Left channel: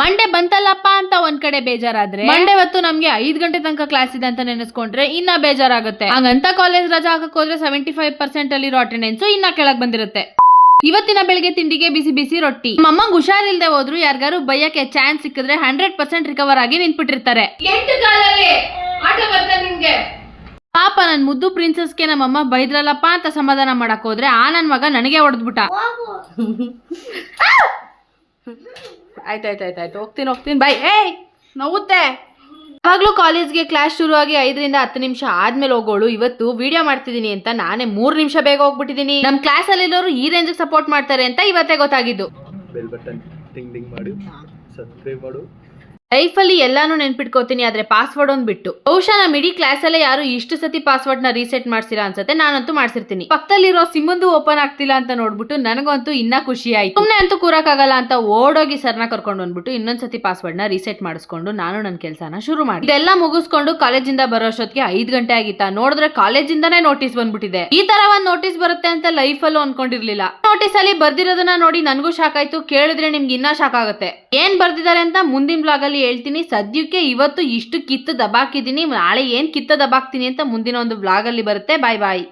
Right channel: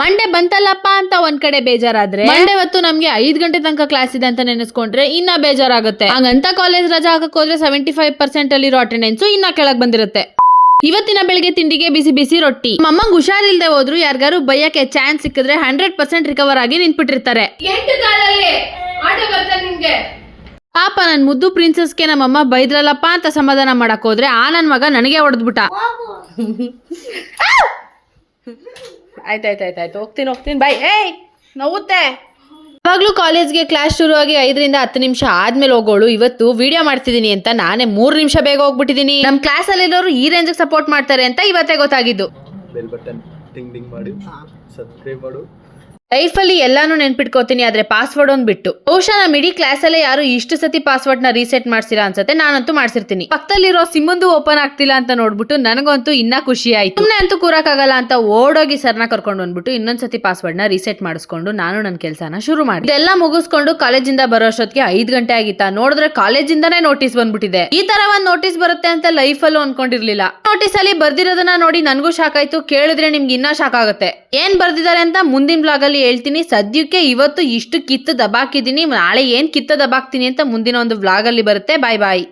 Monday ಬಂತಲ್ಲಪ್ಪ ಅಂತ ಒಂದ್ ಕಡೆ ಬೇಜಾರಾದ್ರೆ, ಮಂಡೇ ಹೊತ್ತು ನಮ್ಗೆ 5 ಗಂಟೆ ತನಕ ಕ್ಲಾಸ್ ಇದೆ ಅಂತ ನೆನೆಸ್ಕೊಂಡ್ರೆ ಇನ್ನ ಬೇಜಾರಾಗುತ್ತೆ. ಹಂಗಂತ ಕಾಲೇಜ್ ರಜಾ ಹಾಕಕ್ ಹೋದ್ರೆ 75% ಅಲ್ಲಿರೋ ಅಟೆಂಡೆನ್ಸ್ ಇನ್ನ ಕೆಳಗ್ ಬಂದಿರುತ್ತೆ. ಇವತ್ತಿನ ಬೆಳಿಗ್ಗೆ ತಿಂಡಿಗೆ ಬಿಸಿ ಬಿಸಿ ರೊಟ್ಟಿ. ನಮ್ಮಮ್ಮಂಗ್ ಹುಷಾರಿಲ್ದೆ ಹೋದ್ರು ಯಾರಿಗಾರು ಬೈಯಕ್ಕೆ ಚಾನ್ಸ್ ಸಿಕ್ಕಿದ್ರೆ 100% ರಿಕವರ್ ಆಗಿ ನಿಂತ್ಬಿಟ್ಟಿರ್ತಾರೆ. ಪಾಪ ನನ್ ಮುದ್ದು ಪ್ರಿನ್ಸಸ್ಗೆ ನಮ್ಮಮ್ಮ ಬೈದ್ರಲ್ಲಪ್ಪ ಅಂತ ಸಮಾಧಾನ ಮಾಡಕ್ ಹೋದ್ರೆ ಆ ನನ್ ಮಗ ನನಗೆ ಹೊಡೆದ್ಬಿಟ್ಟ. ಆಯ್ತಾಯ್ತಾಯ್ತಾಯ್ತು, ಹೋಗ್ತೀನಿ ಬಾಯ್. ಏಯ್ ನೋವುತ್ತೆ. ಯಾವಾಗ್ಲೂ ಕಾಲೇಜ್ಗೆ ಕ್ಲಾಸ್ ಶುರು ಆಗಿ 5 ರಿಂದ 10 ನಿಮಿಷ ಆದ್ಮೇಲೆ ಹೋಗೋಳು ಇವತ್ತು ವಿಡಿಯೋ ಮಾಡ್ತಿದೀನಿ ಅಂತ ನಾನೇ 3 ನಿಮಿಷ ಬೇಗ ಹೋಗ್ಬಿಟ್ಟಿದೀನಿ. ನಮ್ ಕ್ಲಾಸ್ ಅಲ್ಲಿರೋರು ಈ ರೇಂಜ್ ಸಪೋರ್ಟ್ ಮಾಡ್ತಾರೆ ಅಂತ ಇವತ್ತೇ ಗೊತ್ತಾಗಿದ್ದು. ಬೆಲ್ ಬಟನ್ ಟಿಂಗ್ ಟಿಂಗ್ ಮಾಡಿ ಸಬ್ಸ್ಕ್ರೈಬ್ ಮಾಡು. ಲೈಫಲ್ಲಿ ಎಲ್ಲಾನು ನೆನ್ಪಿಟ್ಕೋತೀನಿ ಆದ್ರೆ ಪಾಸ್ವರ್ಡ್ ಒಂದ್ ಬಿಟ್ಟು. ಬಹುಶಃ ನಮ್ ಇಡೀ ಕ್ಲಾಸ್ ಅಲ್ಲೇ ಯಾರು ಇಷ್ಟು ಸತಿ ಪಾಸ್ವರ್ಡ್ ನ ರೀಸೆಟ್ ಮಾಡ್ಸಿರಾ ಅನ್ಸತ್ತೆ. ನಾನಂತೂ ಮಾಡ್ಸಿರ್ತೀನಿ. ಪಕ್ಕದಲ್ಲಿರೋ ಸಿಮ್ಮಂದು ಓಪನ್ ಆಗ್ತಿಲ್ಲ ಅಂತ ನೋಡ್ಬಿಟ್ಟು ನನಗಂತೂ ಇನ್ನ ಖುಷಿ ಆಯ್ತು. ಸುಮ್ನೆ ಅಂತೂ ಕೂರಕ್ಕಾಗಲ್ಲ ಅಂತ ಓಡೋಗಿ ಸರ್ನ ಕರ್ಕೊಂಡು ಬಂದ್ಬಿಟ್ಟು ಇನ್ನೊಂದ್ಸತಿ ಪಾಸ್ವರ್ಡ್ ನ ರೀಸೆಟ್ ಮಾಡಿಸ್ಕೊಂಡು ನಾನು ನನ್ನ ಕೆಲಸನ ಶುರು ಮಾಡಿ ಇದೆಲ್ಲ ಮುಗಿಸ್ಕೊಂಡು ಕಾಲೇಜಿಂದ ಬರೋಷ್ಟೊತ್ತಿಗೆ 5 ಗಂಟೆ ಆಗಿತ್ತಾ. ನೋಡಿದ್ರೆ ಕಾಲೇಜಿಂದಾನೇ ನೋಟಿಸ್ ಬಂದ್ಬಿಟ್ಟಿದೆ. ಈ ತರ ಒಂದ್ ನೋಟಿಸ್ ಬರುತ್ತೆ ಅಂತ ಲೈಫ್ ಅಲ್ಲೂ ಅನ್ಕೊಂಡಿರ್ಲಿಲ್ಲ. ನೋಟಿಸ್ ಅಲ್ಲಿ ಬರ್ದಿರೋದನ್ನ ನೋಡಿ ನನ್ಗೂ ಶಾಕ್ ಆಯ್ತು. ಕೇಳಿದ್ರೆ ನಿಮ್ಗೆ ಇನ್ನ ಶಾಕ್ ಆಗುತ್ತೆ. ಏನ್ ಬರ್ದಿದ್ದಾರೆ ಅಂತ ಮುಂದಿನ ಬ್ಲಾಗ್ ಅಲ್ಲಿ ಹೇಳ್ತೀನಿ. ಸದ್ಯಕ್ಕೆ ಇವತ್ತು ಇಷ್ಟು ಕಿತ್ತು ದಬಾಕಿದ್ದೀನಿ. ನಾಳೆ ಏನ್ ಕಿತ್ತು ದಬಾಕ್ತೀನಿ ಅಂತ ಮುಂದಿನ ಒಂದು ವ್ಲಾಗ್ ಅಲ್ಲಿ ಬರುತ್ತೆ. ಬಾಯ್ ಬಾಯ್.